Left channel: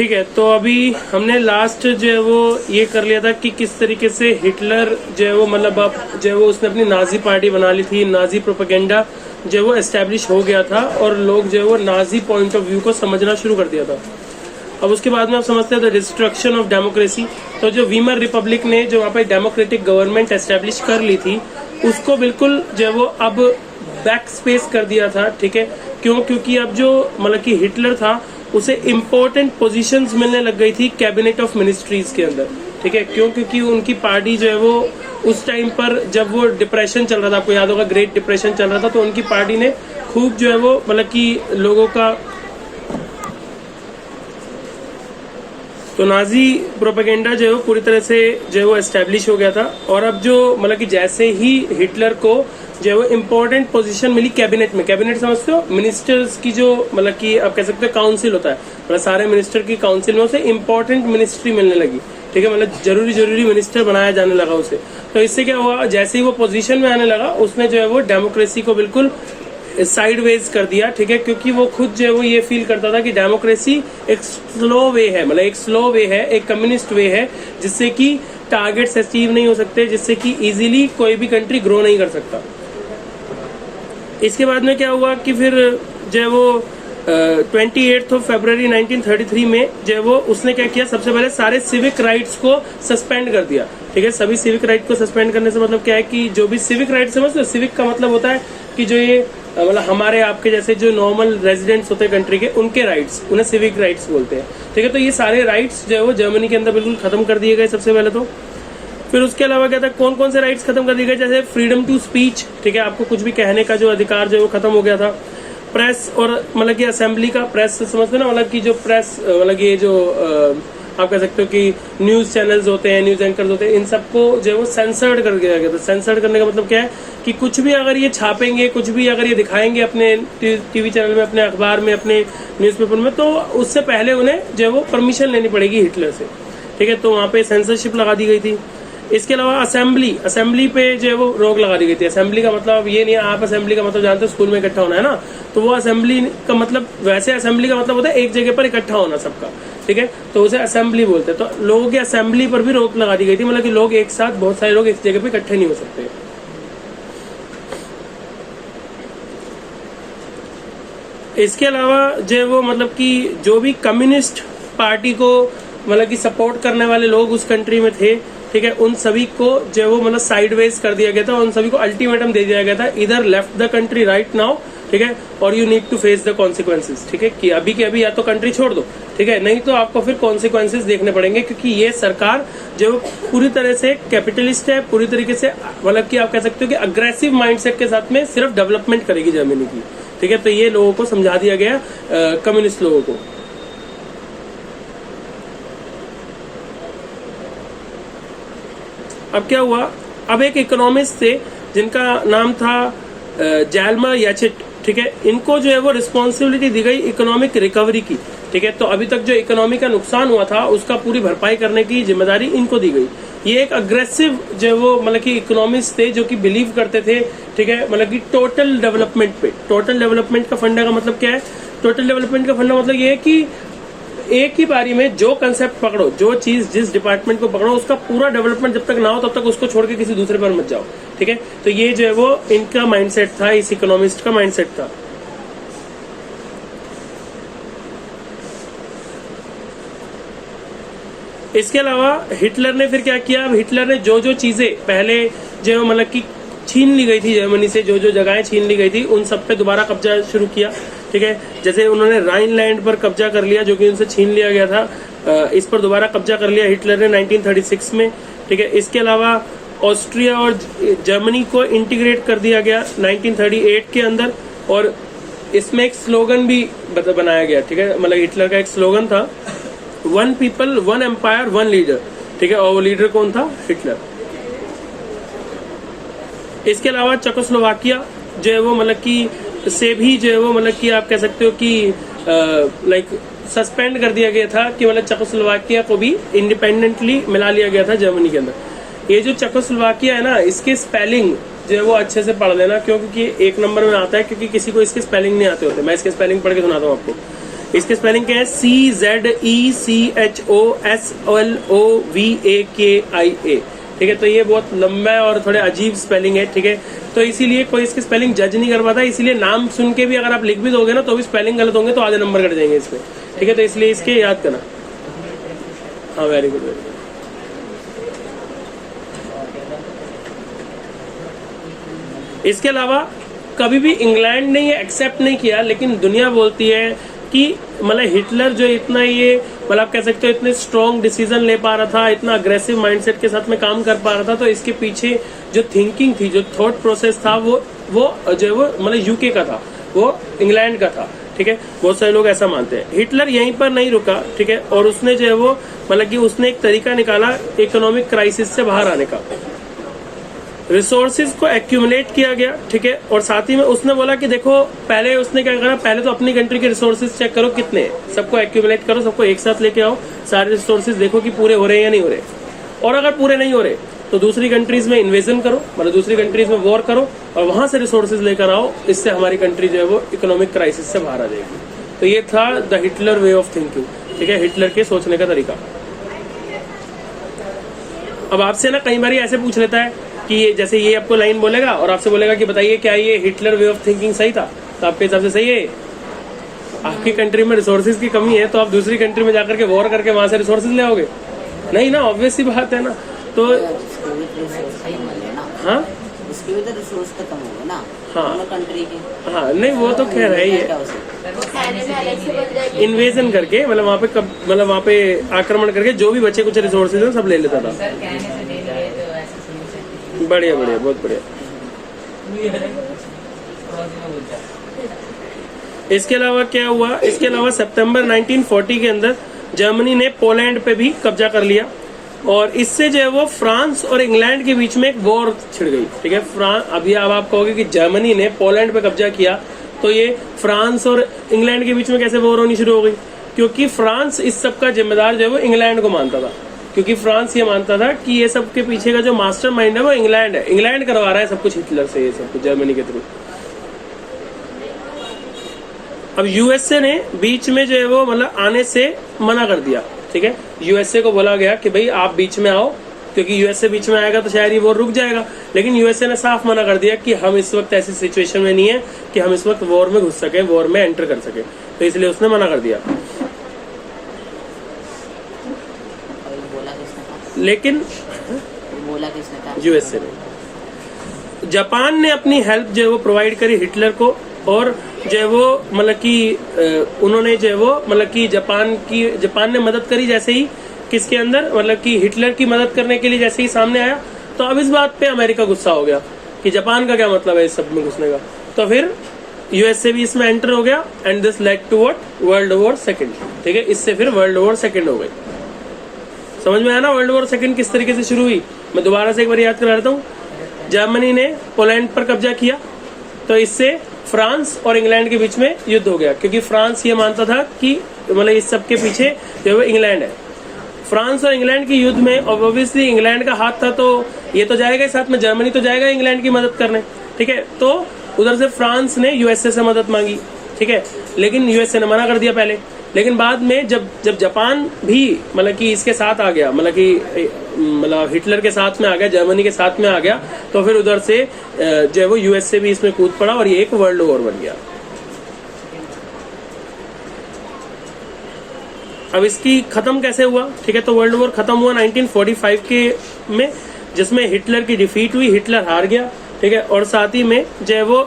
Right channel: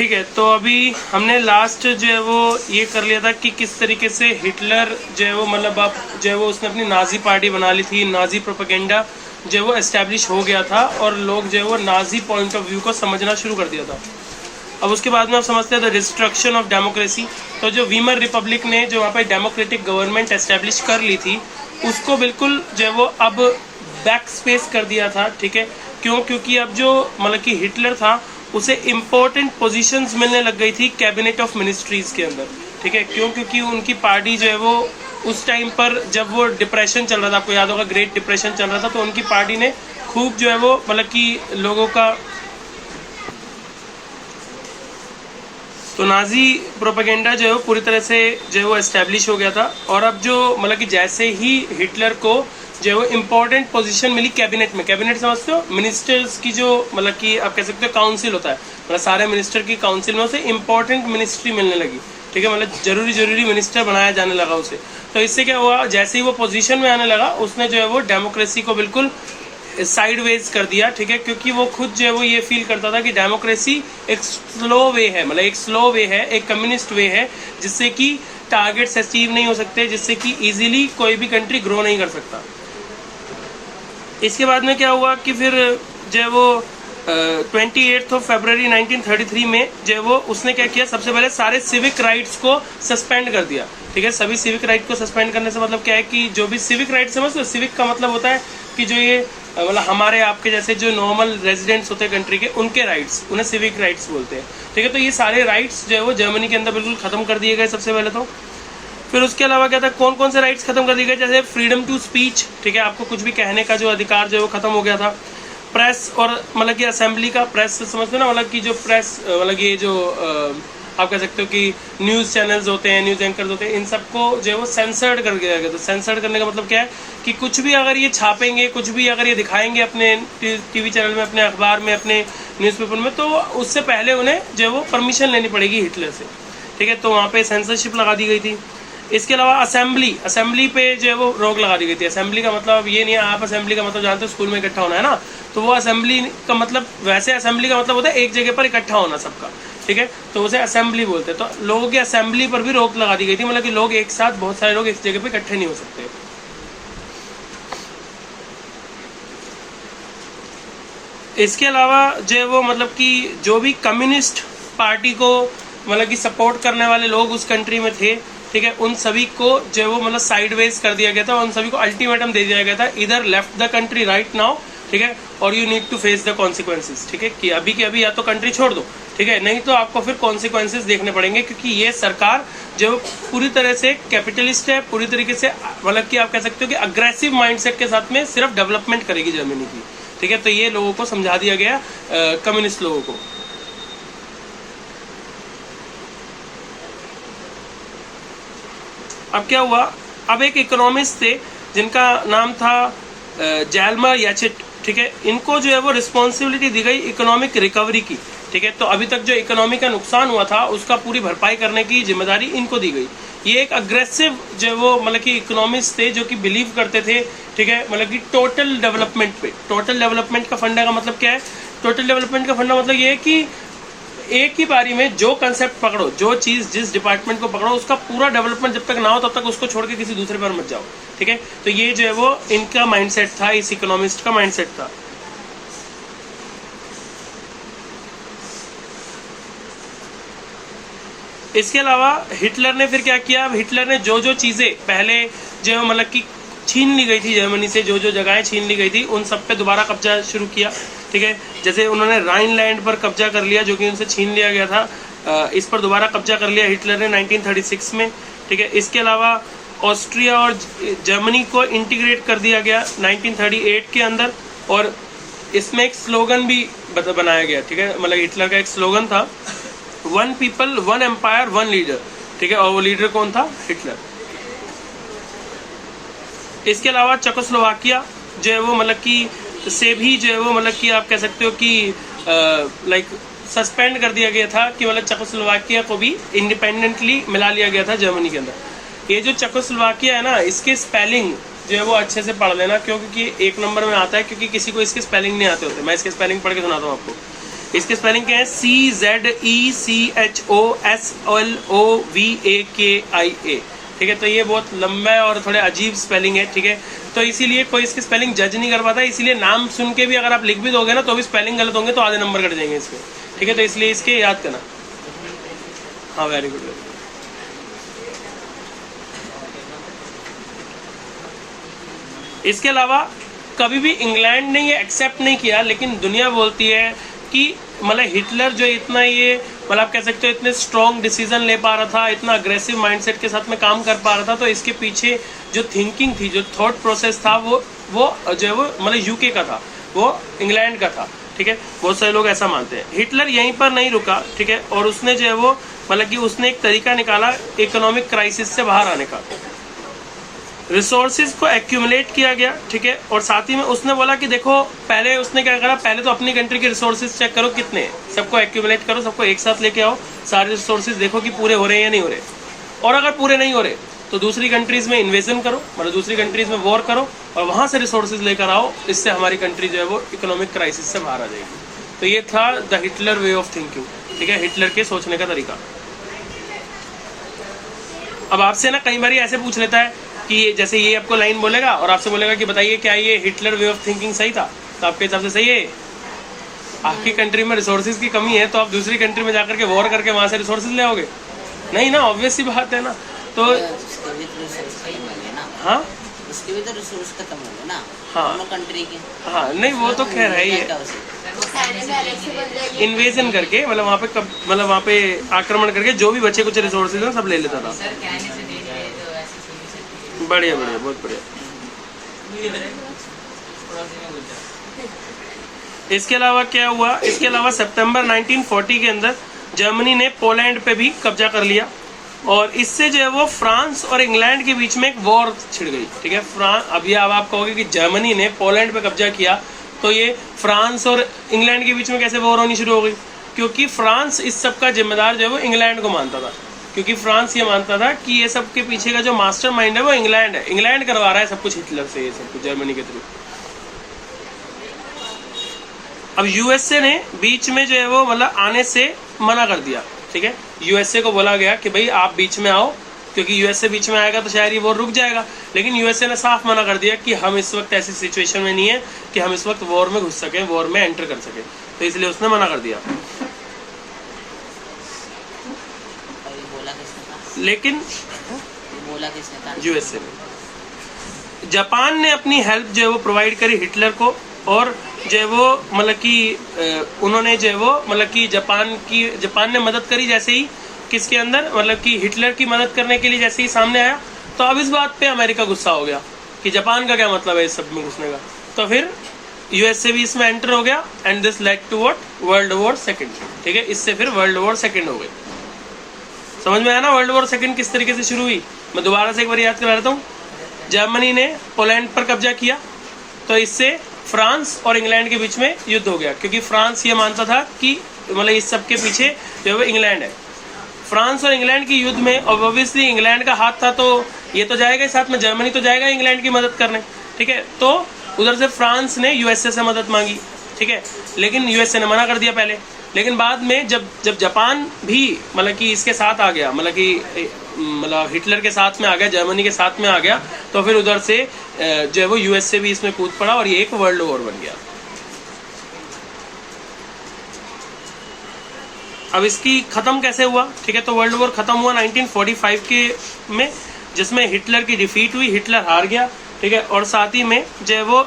ठीक है, तो अभी हमने लास्ट जो है वो ये कर लिया था कि किस तरीके से हिटलर जो है वो मतलब अब जो है वो उसने अपनी नाजी पार्टी बना ली थी, नाजी प्रोपेगेंडा जो है वो एस्टेब्लिश हो गया था और लोग जो है वो नाजी पॉइंट ऑफ व्यू को समझना शुरू कर दिया था। अब उसके बाद में आप समझते हैं द डिस्ट्रक्शन ऑफ डेमोक्रेसी। तो जो वीमर रिपब्लिक ने जो वहाँ पे डेमोक्रेटिक गवर्नमेंट एस्टेब्लिश कर ली थी उसको बिल्कुल जो है वो अब बैक स्पेस कर दिया था। ठीक है, क्यों? क्योंकि अब जो मतलब कि हिटलर था उसे इम्पोर्टेंट पोजीशंस मिलने लग गई थी कैबिनेट ऑफ मिनिस्ट्रीज के अंदर। ठीक है, क्यों? क्योंकि उनकी पार्टी जो है वो उस टाइम पर जब वो डिप्रेशन चल रहा था, आपको याद होगा ग्रेट डिप्रेशन चल रहा था, तो उनकी पार्टी ने खूब जो है वो मतलब कि लोगों का तो नाजी प्रोपेगेंडा जो है वो पूरी तरह से जो है वो एस्टेब्लिश हो गया था। और अब जो मतलब कि जैसे ही हिटलर को जो है वो इम्पोर्टेंट पोजीशन मिली कैबिनेट में, कैबिनेट समझते हो मिनिस्टर्स की जो मतलब कि आप कह सकते हो काउंसिल होता है, मतलब सारे मिनिस्टर की काउंसिल में उसे इम्पोर्टेंट मिनिस्ट्री मिलने लगी। ठीक है, मतलब जरूरी मिनिस्टर बनाया जाने लगा उसे। तो इससे क्या हुआ, जैसे ही वो पोजीशन में आने लगा उसने जो है वो डेमोक्रेसी को बिल्कुल साइडवेज कर दिया। ठीक है, क्योंकि वो खुद जो है वो ये फील करता था कि डेमोक्रेसी एक स्लो वे है, मतलब एक स्लो वे है, एक कम्युनिस्ट वे है जिससे कि टारगेट्स अचीव नहीं हो सकते, जिससे कि इजीली कोई भी कंट्री ग्रो नहीं कर सकता। इसके बाद में क्या हुआ कि फिर जो है वो 28 फरवरी 1933 में जो है वो उसने क्या किया, सबसे पहले सारे सिविक राइट्स को सस्पेंड कर दिया। ठीक है, सभी सिविक राइट को सस्पेंड करने से मतलब क्या है कि जो भी सिविक राइट समझते हो, सिविक का मतलब होता है कि जो ये मतलब हमारे आपके जैसे जो नॉर्मल रेजिडेंट्स होते हैं कंट्री के, उनके राइट्स, उन्हें सिविक राइट्स बोलते हैं। ठीक है, तो ये सारे राइट्स जो है वो जर्मनी के अंदर बिल्कुल खत्म कर दिए गए सबसे पहले तो। फिर उसके अलावा क्या था, कौन कौन से राइट्स खत्म कर दिए गए, जैसे फ्रीडम टू स्पीच। ठीक है, आपको कुछ भी कहने का जो अधिकार जो है वो खत्म हो गया था। प्रेस और मतलब कि असेंबली का, प्रेस समझते ना, मतलब कि जो प्रेस मतलब ये जो आप कह सकते हो कि न्यूज़ चैनल्स होते हैं, न्यूज़ एंकर्स होते हैं, इन सबको जो है वो सेंसर्ड कर दिया गया था। सेंसर्ड करने का मतलब क्या है कि कुछ भी अगर ये छापेंगे, कुछ भी अगर ये दिखाएंगे अपने टीवी चैनल में, अपने अखबार में, अपने न्यूज़पेपर में, तो उससे पहले उन्हें जो है वो परमिशन लेनी पड़ेगी हिटलर से। ठीक है, तो वहाँ पे सेंसरशिप लगा दी गई थी। इसके अलावा असेंबली पे जो है वो रोक लगा दी गई थी। असेंबली का मतलब ये नहीं है, आप असेंबली का मतलब जानते हो स्कूल में इकट्ठा होना है ना, तो वो असेंबली का मतलब, वैसे असेंबली का मतलब होता है एक जगह पर इकट्ठा होना सबका। ठीक है, तो उसे असेंबली बोलते हैं। तो लोगों की असेंबली पर भी रोक लगा दी गई थी, मतलब कि लोग एक साथ, बहुत सारे लोग एक जगह पे इकट्ठे नहीं हो सकते। इसके अलावा जो है वो मतलब कि जो भी कम्युनिस्ट पार्टी को मतलब कि सपोर्ट करने वाले लोग उस कंट्री में थे, ठीक है, उन सभी को जो है वो मतलब साइडवेज कर दिया गया था, उन सभी को अल्टीमेटम दे दिया गया था, इधर left the country right now, ठीक है, और you need to face the consequences. ठीक है, कि अभी के अभी या तो कंट्री छोड़ दो, ठीक है, नहीं तो आपको फिर कॉन्सिक्वेंसेज देखने पड़ेंगे, क्योंकि ये सरकार जो पूरी तरह से कैपिटलिस्ट है, पूरी तरीके से मतलब कि आप कह सकते हो कि अग्रेसिव माइंडसेट के साथ में सिर्फ डेवलपमेंट करेगी जर्मनी की। ठीक है, तो ये लोगों को समझा दिया गया, कम्युनिस्ट लोगों को। अब क्या हुआ, अब एक इकोनॉमिस्ट थे जिनका नाम था जैल्मर याचिट। ठीक है, इनको जो है वो रिस्पॉन्सिबिलिटी दी गई इकोनॉमिक रिकवरी की। ठीक है, तो अभी तक जो इकोनॉमी का नुकसान हुआ था उसका पूरी भरपाई करने की जिम्मेदारी इनको दी गई। ये एक अग्रेसिव जो है वो मतलब कि इकोनॉमिस्ट थे जो कि बिलीव करते थे, ठीक है, मतलब कि टोटल डेवलपमेंट पे। टोटल डेवलपमेंट का फंडा का मतलब क्या है, टोटल डेवलपमेंट का फंडा मतलब ये है कि एक ही बारी में जो कंसेप्ट पकड़ो, जो चीज जिस डिपार्टमेंट को पकड़ो, उसका पूरा डेवलपमेंट जब तक ना हो तब तक उसको छोड़ के किसी दूसरे पर मत जाओ। ठीक है, तो ये जो है वो इनका माइंडसेट था, इस इकोनॉमिस्ट का माइंडसेट था। इसके अलावा हिटलर ने फिर क्या किया, अब हिटलर ने जो जो चीजें पहले जो मतलब कि छीन ली गई थी जर्मनी से, जो जो जगहें छीन ली गई थी, उन सब पे दोबारा कब्जा शुरू किया। ठीक है, जैसे उन्होंने राइनलैंड पर कब्जा कर लिया जो कि उनसे छीन लिया गया था, इस पर दोबारा कब्जा कर लिया हिटलर ने 1936 में। ठीक है, इसके अलावा ऑस्ट्रिया और जर्मनी को इंटीग्रेट कर दिया गया 1938 के अंदर, और इसमें एक स्लोगन भी बनाया गया। ठीक है, मतलब हिटलर का एक स्लोगन था, one people one empire one leader. ठीक है, और वो लीडर कौन था, हिटलर। इसके अलावा चेकोस्लोवाकिया जो है वो मतलब कि से भी जो है वो मतलब कि आप कह सकते हो कि लाइक सस्पेंड कर दिया गया था, कि मतलब चेकोस्लोवाकिया को भी इंडिपेंडेंटली मिला लिया गया था जर्मनी के अंदर। ये जो चेकोस्लोवाकिया है ना, इसके स्पेलिंग जो है वो अच्छे से पढ़ लेना, क्योंकि एक नंबर में आता है, क्योंकि किसी को इसके स्पेलिंग नहीं आते होते। मैं इसके स्पेलिंग पढ़ के सुनाता हूँ आपको। इसके स्पेलिंग क्या है? CZECHOSLOVAKIA। ठीक है, तो ये बहुत लंबा है और थोड़े अजीब स्पेलिंग है। ठीक है, तो इसीलिए कोई इसकी स्पेलिंग जज नहीं कर पाता, इसीलिए नाम सुन के भी अगर आप लिख भी दोगे ना तो भी स्पेलिंग गलत होंगे तो आधे नंबर कट जाएंगे इसमें। ठीक है, तो इसलिए इसके याद करना। हाँ, वेरी गुड वेरी गुड। इसके अलावा कभी भी इंग्लैंड ने ये एक्सेप्ट नहीं किया, लेकिन दुनिया बोलती है कि मतलब हिटलर जो इतना ये मतलब आप कह सकते हो इतने स्ट्रॉन्ग डिसीजन ले पा रहा था, इतना अग्रेसिव माइंडसेट के साथ में काम कर पा रहा था, तो इसके पीछे जो थिंकिंग थी, जो थॉट प्रोसेस था वो जो है वो मतलब यूके का था, वो इंग्लैंड का था। ठीक है, बहुत सारे लोग ऐसा मानते हैं। हिटलर यहीं पर नहीं रुका। ठीक है, और उसने जो है वो मतलब कि उसने एक तरीका निकाला इकोनॉमिक क्राइसिस से बाहर आने का। रिसोर्सेज को एक्यूमुलेट किया गया। ठीक है, और साथ ही में उसने बोला कि देखो पहले उसने क्या करा, पहले तो अपनी कंट्री के रिसोर्सेज चेक करो कितने, सबको एक्यूमुलेट करो, सबको एक साथ लेके आओ, सारे रिसोर्सेज देखो कि पूरे हो रहे हैं या नहीं हो रहे, और अगर पूरे नहीं हो रहे तो दूसरी कंट्रीज में इन्वेजन करो, मतलब दूसरी कंट्रीज में वॉर करो और वहां से रिसोर्सेज लेकर आओ, इससे हमारी कंट्री जो है वो इकोनॉमिक क्राइसिस से बाहर आ जाएगी। तो ये था the Hitler way of thinking. ठीक है, हिटलर के सोचने का तरीका। अब आपसे ना कई बार ऐसे पूछ लेता है कि जैसे ये आपको लाइन बोलेगा और आपसे बोलेगा कि बताइए क्या ये हिटलर वे ऑफ थिंकिंग सही था? तो आपके हिसाब से सही है? आपकी कंट्री में रिसोर्सेज की कमी है तो आप दूसरी कंट्री में जाकर के वॉर करके वहां से रिसोर्सेज ले आओगे? नहीं ना, ऑब्वियस सी बात है ना। तो हाँ, उसके भी तो रिसोर्स खत्म हो गए ना। हाँ कंट्री के। हाँ, नहीं वो तो खैर है ही, इन्वेजन करके मतलब वहाँ पे मतलब वहाँ पे आक्रमण करके जो भी बचे कुछ रिसोर्सेज हैं सब ले लेता था। बढ़िया बढ़िया, बहुत बढ़िया। इसके अलावा क्या हुआ? इसके अलावा सितंबर 1940 के अंदर जर्मनी ने पोलैंड पे भी कब्जा कर लिया और इससे जो है वो फ्रांस और इंग्लैंड के बीच में एक वॉर छिड़ गई। ठीक है, अभी अब आप कहोगे कि जर्मनी ने पोलैंड पे कब्जा किया तो ये फ्रांस और इंग्लैंड के बीच में कैसे वॉर होनी शुरू हो गई? क्योंकि फ्रांस इस सब का जिम्मेदार जो है वो इंग्लैंड को मानता था, क्योंकि फ्रांस ये मानता था कि ये सब के पीछे का जो मास्टर माइंड है वो इंग्लैंड है, इंग्लैंड करवा रहा है सब कुछ हिटलर से, ये सब कुछ जर्मनी के थ्रू। अब यूएसए ने बीच में जो है वो मतलब आने से मना कर दिया। ठीक है, यूएसए को बोला गया कि भाई आप बीच में आओ, क्योंकि यूएसए बीच में आएगा तो शायद ये वॉर रुक जाएगा, लेकिन यूएसए ने साफ मना कर दिया कि हम इस वक्त ऐसी सिचुएशन में नहीं है कि हम इस वक्त वॉर में घुस सके, वॉर में एंटर कर सके, तो इसलिए उसने मना कर दिया। लेकिन बोला किसने था? यूएसए ने। जापान ने अपनी हेल्प जो है वो प्रोवाइड करी हिटलर को, और जो है वो मतलब कि उन्होंने जो है वो मतलब कि जापान ने मदद करी जैसे ही किसके अंदर मतलब कि हिटलर की मदद करने के लिए जैसे ही सामने आया, तो अब इस बात पे अमेरिका गुस्सा हो गया कि जापान का क्या मतलब है इस सब में घुसने का, तो फिर यूएसए भी इसमें एंटर हो गया and this led to what? World war second. ठीक है, इससे फिर वर्ल्ड वॉर सेकंड हो गई। समझ में आया ना वर्ल्ड वॉर सेकंड किस तरीके से शुरू हुई? मैं दोबारा से एक बार याद करा देता हूँ। जर्मनी ने पोलैंड पर कब्जा किया तो इससे फ्रांस और इंग्लैंड के बीच में युद्ध हो गया, क्योंकि फ्रांस ये मानता था कि मतलब इस सब के पीछे जो है इंग्लैंड है। फ्रांस और इंग्लैंड के युद्ध में ऑब्वियसली इंग्लैंड का हाथ था, तो ये तो जाएगा साथ में, जर्मनी तो जाएगा इंग्लैंड की मदद करने। ठीक है, तो उधर से फ्रांस ने यूएसए से मदद मांगी। ठीक है, लेकिन यूएसए ने मना कर दिया पहले, लेकिन बाद में जब जापान भी मतलब कि इसके साथ आ गया, मतलब कि मतलब हिटलर के साथ में आ गया, जर्मनी के साथ में आ गया, तो फिर उधर से जो है वो यूएसए भी इसमें कूद पड़ा और ये एक वर्ल्ड वॉर बन गया। अब इसकी खत्म कैसे हुआ? ठीक है, तो वर्ल्ड वॉर खत्म हुआ 1945 के में, जिसमें हिटलर की डिफीट हुई, हिटलर हार गया। ठीक है, और साथ ही में जो है वो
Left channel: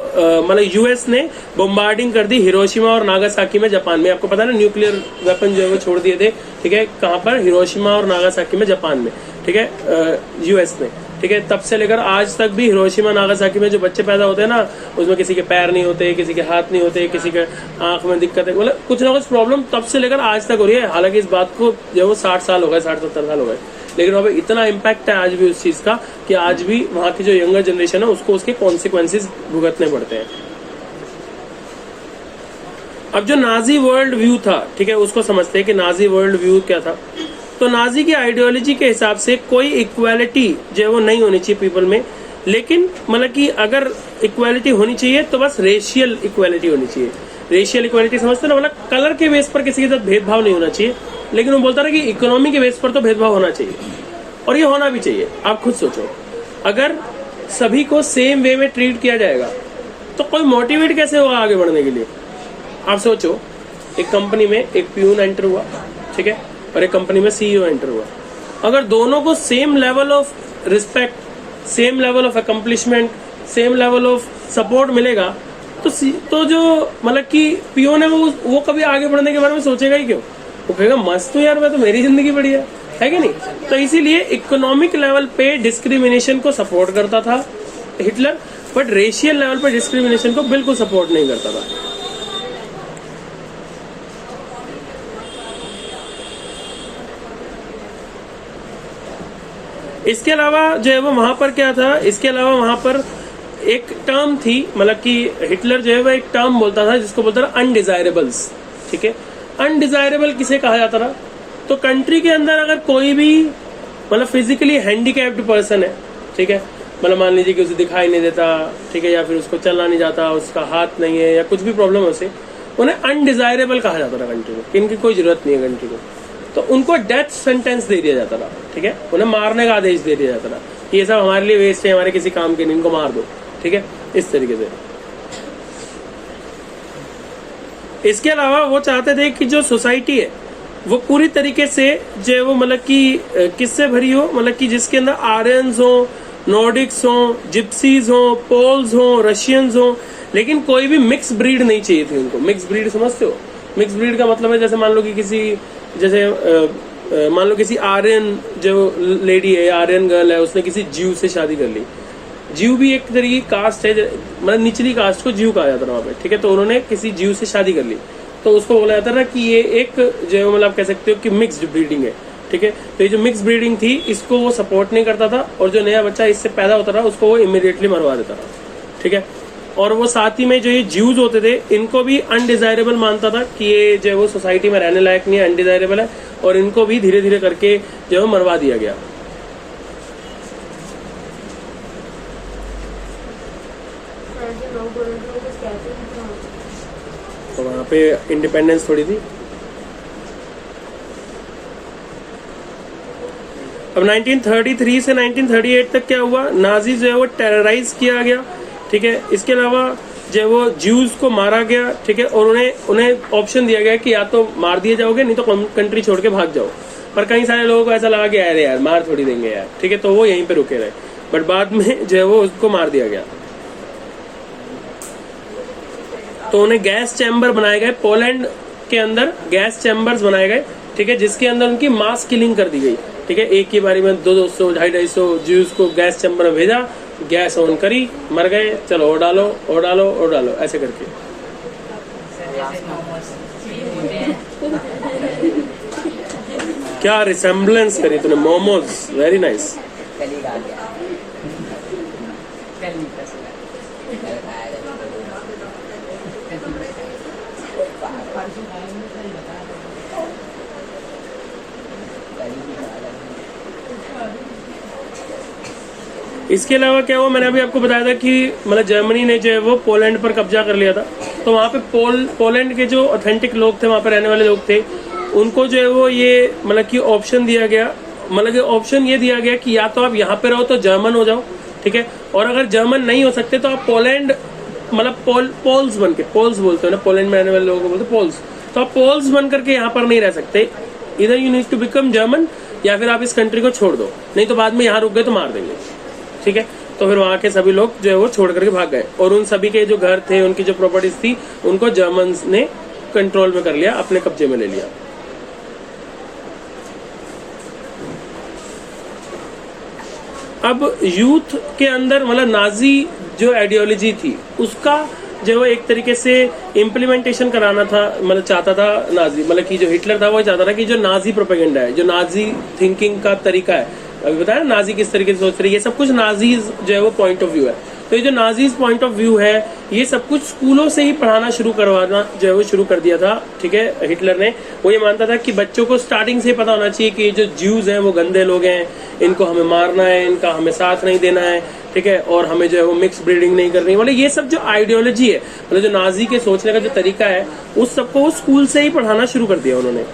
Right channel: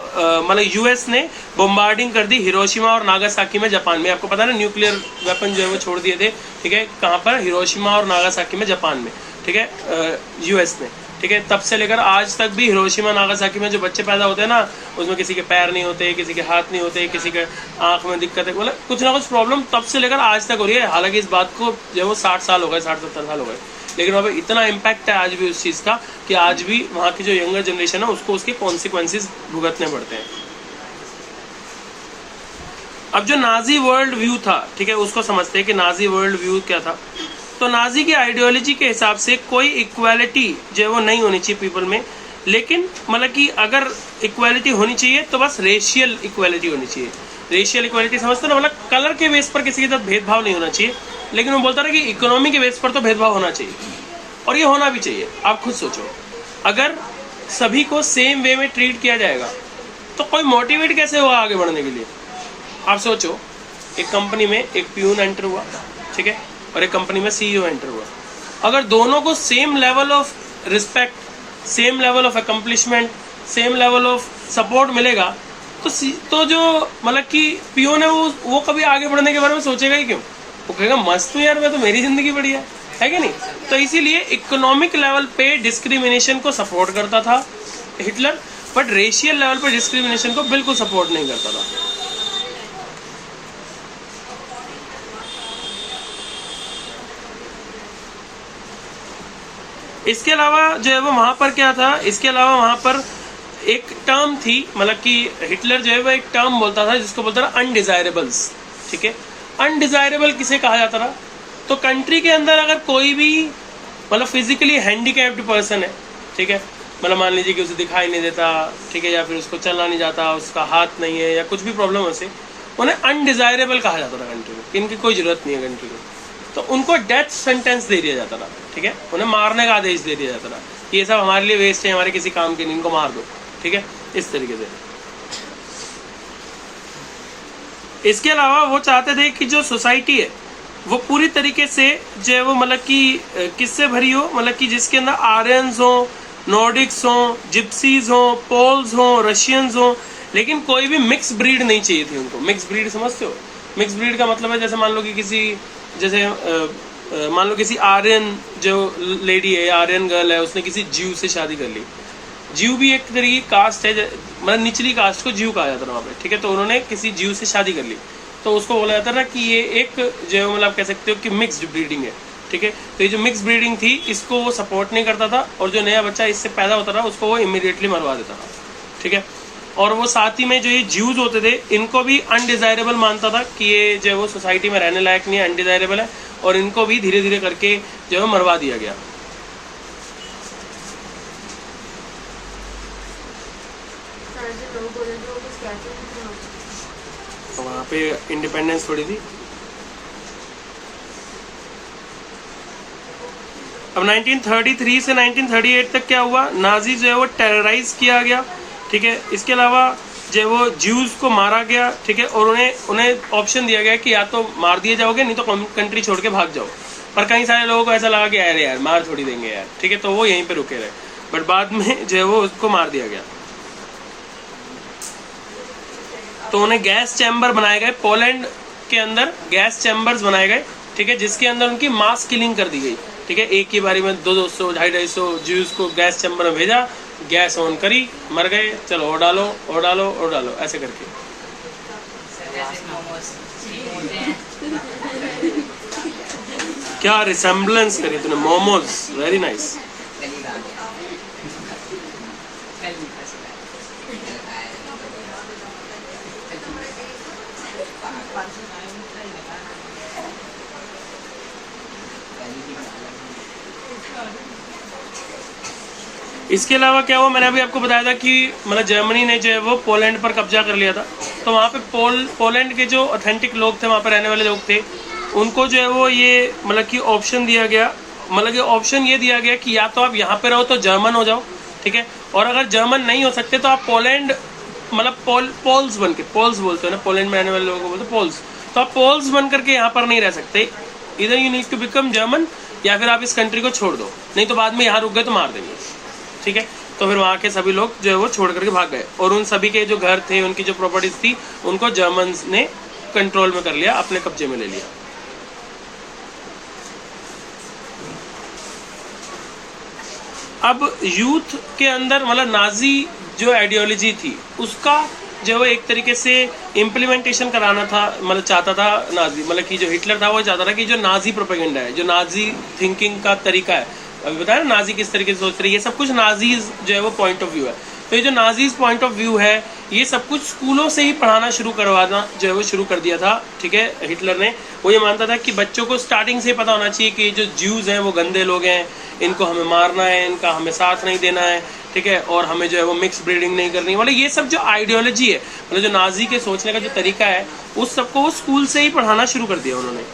मतलब यूएस ने बॉम्बार्डिंग कर दी हिरोशिमा और नागासाकी में, जापान में। आपको पता है ना, न्यूक्लियर वेपन जो है वो छोड़ दिए थे। ठीक है, कहाँ पर? हिरोशिमा और नागासाकी में, जापान में। ठीक है, यूएस ने। ठीक है, तब से लेकर आज तक भी हिरोशिमा नागासाकी में जो बच्चे पैदा होते हैं ना, उसमें किसी के पैर नहीं होते, किसी के हाथ नहीं होते, किसी के आंख में दिक्कत है, मतलब कुछ ना कुछ प्रॉब्लम तब से लेकर आज तक हो रही है। हालांकि इस बात को जो वो 60 साल हो गए, 60-70 साल हो गए, लेकिन वहाँ पे इतना इम्पैक्ट है आज भी उस चीज़ का कि आज भी वहाँ की जो यंगर जनरेशन है उसको उसके कॉन्सिक्वेंसेस भुगतने पड़ते हैं। अब जो नाजी वर्ल्ड व्यू था, ठीक है, उसको समझते हैं कि नाजी वर्ल्ड व्यू क्या था। तो नाजी की आइडियोलॉजी के हिसाब से कोई इक्वालिटी जो है वो नहीं होनी चाहिए पीपल में, लेकिन मतलब कि अगर इक्वालिटी होनी चाहिए तो बस रेशियल इक्वालिटी होनी चाहिए, रेशियल इक्वालिटी समझते ना, मतलब कलर के बेस पर किसी के साथ भेदभाव नहीं होना चाहिए, लेकिन वो बोलता रहा कि इकोनॉमी के बेस पर तो भेदभाव होना चाहिए, और ये होना भी चाहिए। आप खुद सोचो, अगर सभी को सेम वे में ट्रीट किया जाएगा तो कोई मोटिवेट कैसे होगा आगे बढ़ने के लिए। आप सोचो, एक कंपनी में एक प्यून एंटर हुआ, ठीक है, और एक कंपनी में सीईओ एंटर हुआ। अगर दोनों को same level of respect, same level of accomplishment, same level of support मिलेगा तो जो मतलब कि पियोन है वो कभी आगे बढ़ने के बारे में सोचेगा ही क्यों? वो कहेगा मस्त हूँ यार, मैं तो, मेरी जिंदगी बढ़िया है कि नहीं। तो इसीलिए इकोनॉमिक लेवल पे डिस्क्रिमिनेशन को सपोर्ट करता था हिटलर, बट रेशियल लेवल पे डिस्क्रिमिनेशन को बिल्कुल सपोर्ट नहीं करता था। इसके अलावा जो है वो वहां पर क्या था, इसके अलावा वहां पर एक टर्म थी, मतलब कि हिटलर जो है वो एक टर्म बोलता था जिसको बोलता था अनडिजायरेबल्स, ठीक है। अनडिजायरेबल किसे कहा जाता था? तो कंट्री के अंदर अगर कोई भी मतलब फिजिकली हैंडीकैप्ड पर्सन है, ठीक है, मतलब मान लीजिए कि उसे दिखाई नहीं देता, ठीक है, या फिर उसको चलना नहीं जाता, उसका हाथ नहीं है, या कुछ भी प्रॉब्लम है उसे, उन्हें अनडिजायरेबल कहा जाता था कंट्री में, इनकी कोई जरूरत नहीं है कंट्री को। तो उनको डेथ सेंटेंस दे दिया जाता था, ठीक है, उन्हें मारने का आदेश दे दिया जाता था कि ये सब हमारे लिए वेस्ट है, हमारे किसी काम के नहीं, इनको मार दो, ठीक है, इस तरीके से। इसके अलावा वो चाहते थे कि जो सोसाइटी है वो पूरी तरीके से जो है वो मतलब कि किससे भरी हो, मतलब कि जिसके अंदर आर्यंस हो, नॉर्डिक्स हो, जिप्सीज हो, पोल्स हो, रशियंस हो, लेकिन कोई भी मिक्स ब्रीड नहीं चाहिए थी उनको। मिक्स ब्रीड समझते हो? मिक्स ब्रीड का मतलब है जैसे मान लो कि किसी, जैसे मान लो किसी आर्यन जो लेडी है, आर्यन गर्ल है, उसने किसी जीव से शादी कर ली। जीव भी एक तरीके की कास्ट है, मतलब निचली कास्ट को जीव कहा जाता है वहाँ पे, ठीक है। तो उन्होंने किसी जीव से शादी कर ली, तो उसको बोला जाता था कि ये एक जो मतलब कह सकते हो कि मिक्स्ड ब्रीडिंग है, ठीक है। तो ये जो मिक्स ब्रीडिंग थी इसको वो सपोर्ट नहीं करता था, और जो नया बच्चा इससे पैदा होता था उसको वो इमीडिएटली मरवा देता था, ठीक है। और वो साथ ही में जो ये ज्यूज होते थे इनको भी अनडिजायरेबल मानता था कि ये जो वो सोसाइटी में रहने लायक नहीं है, अनडिजायरेबल है, और इनको भी धीरे धीरे करके जो है मरवा दिया गया। तो वहाँ पे इंडिपेंडेंस थोड़ी थी। अब 1933 से 1938 तक क्या हुआ, नाजी जो है वो टेरराइज किया गया, ठीक है। इसके अलावा जो है वो ज्यूज को मारा गया, ठीक है, और उन्हें ऑप्शन दिया गया कि या तो मार दिए जाओगे, नहीं तो कंट्री छोड़ के भाग जाओ। पर कई सारे लोगों को ऐसा लगा कि अरे यार मार थोड़ी देंगे यार, ठीक है, तो वो यहीं पे रुके रहे, बट बाद में जो है वो उसको मार दिया गया। तो उन्हें गैस चैम्बर बनाए गए, पोलैंड के अंदर गैस चैम्बर्स बनाए गए, ठीक है, जिसके अंदर उनकी मास किलिंग कर दी गई, ठीक है। एक ही बारी में 200, 250 ज्यूज को गैस चैम्बर में भेजा, गैस ऑन करी, मर गए, चलो और डालो और डालो और डालो, ऐसे करके। क्या रिसेम्बलेंस करी तूने, मोमोज, वेरी नाइस। इसके अलावा क्या हुआ, मैंने अभी आपको बताया था कि मतलब जर्मनी ने जो है वो पोलैंड पर कब्जा कर लिया था। तो वहाँ पे पोलैंड के जो ऑथेंटिक लोग थे, वहाँ पे रहने वाले लोग थे, उनको जो है वो ये मतलब कि ऑप्शन दिया गया, मतलब कि ऑप्शन ये दिया गया कि या तो आप यहाँ पे रहो तो जर्मन हो जाओ, ठीक है, और अगर जर्मन नहीं हो सकते तो आप पोलैंड मतलब पोल्स बन के, पोल्स बोलते हैं ना पोलैंड में रहने वाले लोगों को बोलते पोल्स, तो आप पोल्स बन करके यहाँ पर नहीं रह सकते। इधर you need to become German, या फिर आप इस कंट्री को छोड़ दो, नहीं तो बाद में यहाँ रुक गए तो मार देंगे, ठीक है। तो फिर वहाँ के सभी लोग जो है वो छोड़ करके भाग गए, और उन सभी के जो घर थे, उनकी जो प्रॉपर्टीज थी, उनको जर्मन्स ने कंट्रोल में कर लिया, अपने कब्जे में ले लिया। अब यूथ के अंदर मतलब नाजी जो आइडियोलॉजी थी उसका जो है एक तरीके से इम्प्लीमेंटेशन कराना था, मतलब चाहता था नाजी, मतलब कि जो हिटलर था वो चाहता था कि जो नाजी प्रोपेगेंडा है, जो नाजी थिंकिंग का तरीका है, अभी बताया ना नाजी किस तरीके से सोच रही है, ये सब कुछ नाजीज जो है वो पॉइंट ऑफ व्यू है। तो ये जो नाजीज पॉइंट ऑफ व्यू है, ये सब कुछ स्कूलों से ही पढ़ाना शुरू करवाना जो है वो शुरू कर दिया था, ठीक है। हिटलर ने वो ये मानता था कि बच्चों को स्टार्टिंग से ही पता होना चाहिए कि जो ज्यूज हैं वो गंदे लोग हैं, इनको हमें मारना है, इनका हमें साथ नहीं देना है, ठीक है, और हमें जो है वो मिक्स ब्रीडिंग नहीं करनी, मतलब ये सब जो आइडियोलॉजी है, मतलब जो नाजी के सोचने का जो तरीका है, उस सबको वो स्कूल से ही पढ़ाना शुरू कर दिया उन्होंने।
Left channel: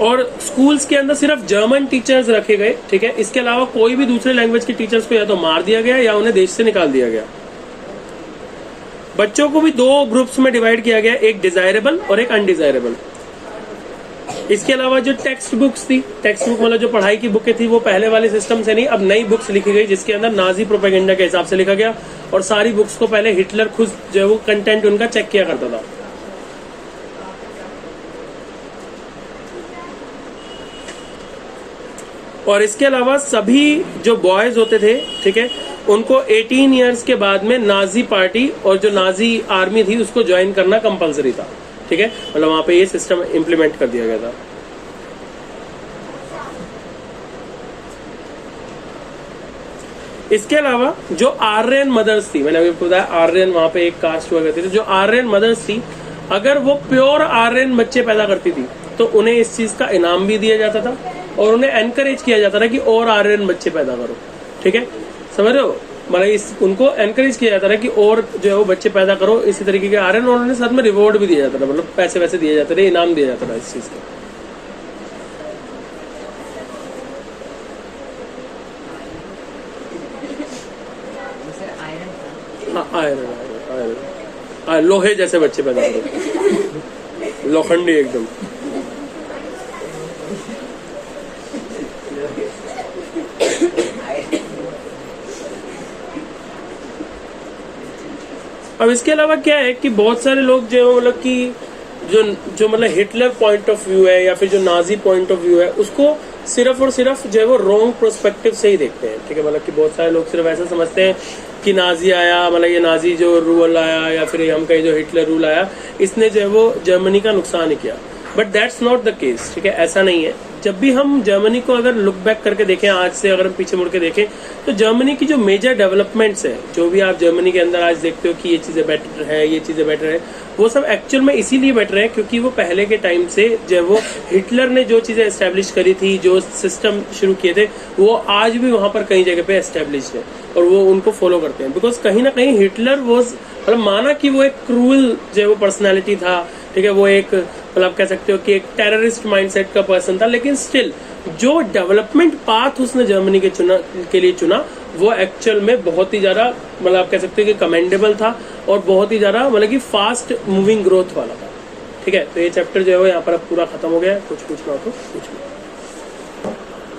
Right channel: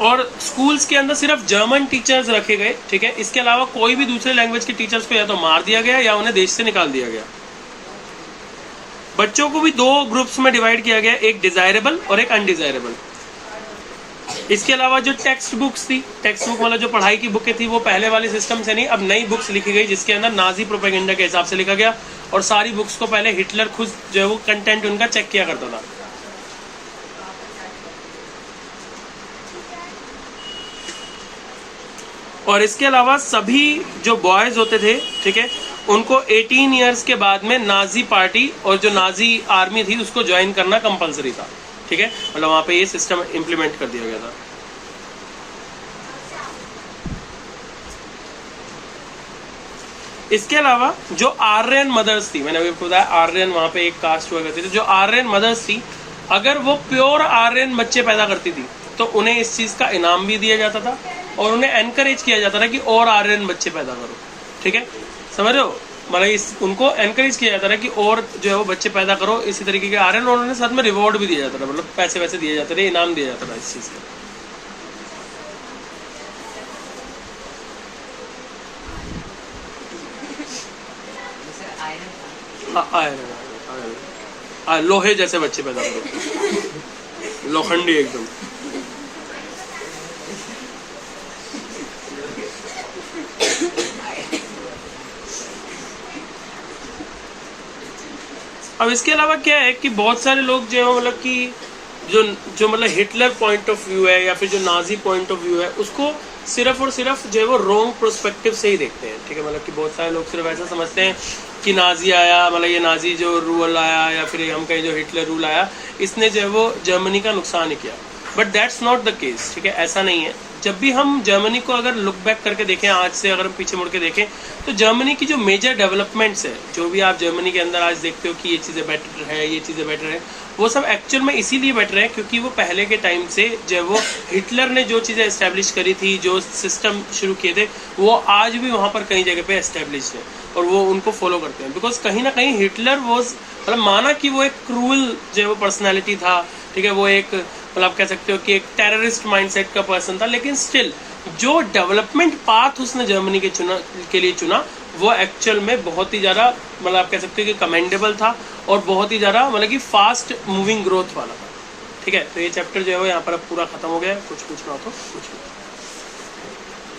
और स्कूल्स के अंदर सिर्फ जर्मन टीचर्स रखे गए, ठीक है, इसके अलावा कोई भी दूसरे लैंग्वेज के टीचर्स को या तो मार दिया गया या उन्हें देश से निकाल दिया गया। बच्चों को भी 2 ग्रुप्स में डिवाइड किया गया, एक डिजायरेबल और एक अनडिजायरेबल। इसके अलावा जो टेक्स्ट बुक्स थी, टेक्स्ट बुक मतलब जो पढ़ाई की बुकें थी, वो पहले वाले सिस्टम से नहीं, अब नई बुक्स लिखी गई जिसके अंदर नाजी प्रोपेगेंडा के हिसाब से लिखा गया। और सारी बुक्स को पहले हिटलर खुद जो है वो कंटेंट उनका चेक किया करता था। और इसके अलावा सभी जो बॉयज होते थे, ठीक है, उनको 18 इयर्स के बाद में नाजी पार्टी और जो नाजी आर्मी थी उसको ज्वाइन करना कंपलसरी था, ठीक है, मतलब वहां पे ये सिस्टम इंप्लीमेंट कर दिया गया था। इसके अलावा जो आर्यन मदर्स थी, मैंने अभी बताया आर्यन वहां पे एक कास्ट हुआ करती थी, जो आर्यन मदर्स थी अगर वो प्योर आर्यन बच्चे पैदा करती थी तो उन्हें इस चीज का इनाम भी दिया जाता था और उन्हें एनकरेज किया जाता था कि और आर्यन बच्चे पैदा करो, ठीक है, समझ रहे हो, मतलब उनको एनकरेज किया जाता था कि और जो है वो बच्चे पैदा करो इसी तरीके के आर्यन, और उन्हें साथ में रिवॉर्ड भी दिया जाता था, मतलब पैसे वैसे दिए जाते थे, इनाम दिया जाता था इस चीज का। हाँ, आयरन लोहे जैसे बच्चे पैदा करो, लोखंडी एकदम। अब इसके अलावा क्या है कि बहुत सारे लोग जो है मतलब कि जो मतलब हिटलर पॉइंट ऑफ व्यू है या फिर जो नाजी पॉइंट ऑफ व्यू है उसको सिर्फ और सिर्फ जो है वो रॉन्ग प्रोस्पेक्टिव से ही देखते हैं, ठीक है, मतलब कि बहुत सारे लोग सिर्फ ऐसा समझते हैं कि नाजी आया, मतलब ये नाजी जो रूल आया या फिर हम कहें जो हिटलर रूल आया, इसने जो है वो जर्मनी का नुकसान ही किया, but that's not the case, ठीक है, ऐसा नहीं है। जब भी हम जर्मनी को अगर लुक बैक करके देखें, आज से अगर हम पीछे मुड़ के देखें, तो जर्मनी की जो मेजर डेवलपमेंट्स है, जो भी आप जर्मनी के अंदर आज देखते हो कि ये चीज़ें बेटर है, ये चीज़ें बेटर है, वो सब एक्चुअल में इसीलिए बेटर है क्योंकि वो पहले के टाइम से जो वो हिटलर ने जो चीज़ें एस्टेब्लिश करी थी, जो सिस्टम शुरू किए थे, वो आज भी वहाँ पर कई जगह पे एस्टेब्लिश है और वो उनको फॉलो करते हैं। बिकॉज कहीं ना कहीं हिटलर वो मतलब माना कि वो एक क्रूअल जो है वो पर्सनैलिटी था, ठीक है, वो एक मतलब आप कह सकते हो कि एक टेररिस्ट माइंडसेट का पर्सन था, लेकिन स्टिल जो डेवलपमेंट पाथ उसने जर्मनी के लिए चुना वो एक्चुअल में बहुत ही ज़्यादा मतलब आप कह सकते हो कि कमेंडेबल था और बहुत ही ज़्यादा मतलब कि फास्ट मूविंग ग्रोथ वाला था, ठीक है। तो ये चैप्टर जो है वो यहाँ पर अब पूरा खत्म हो गया है, कुछ पूछना हो तो पूछ लो।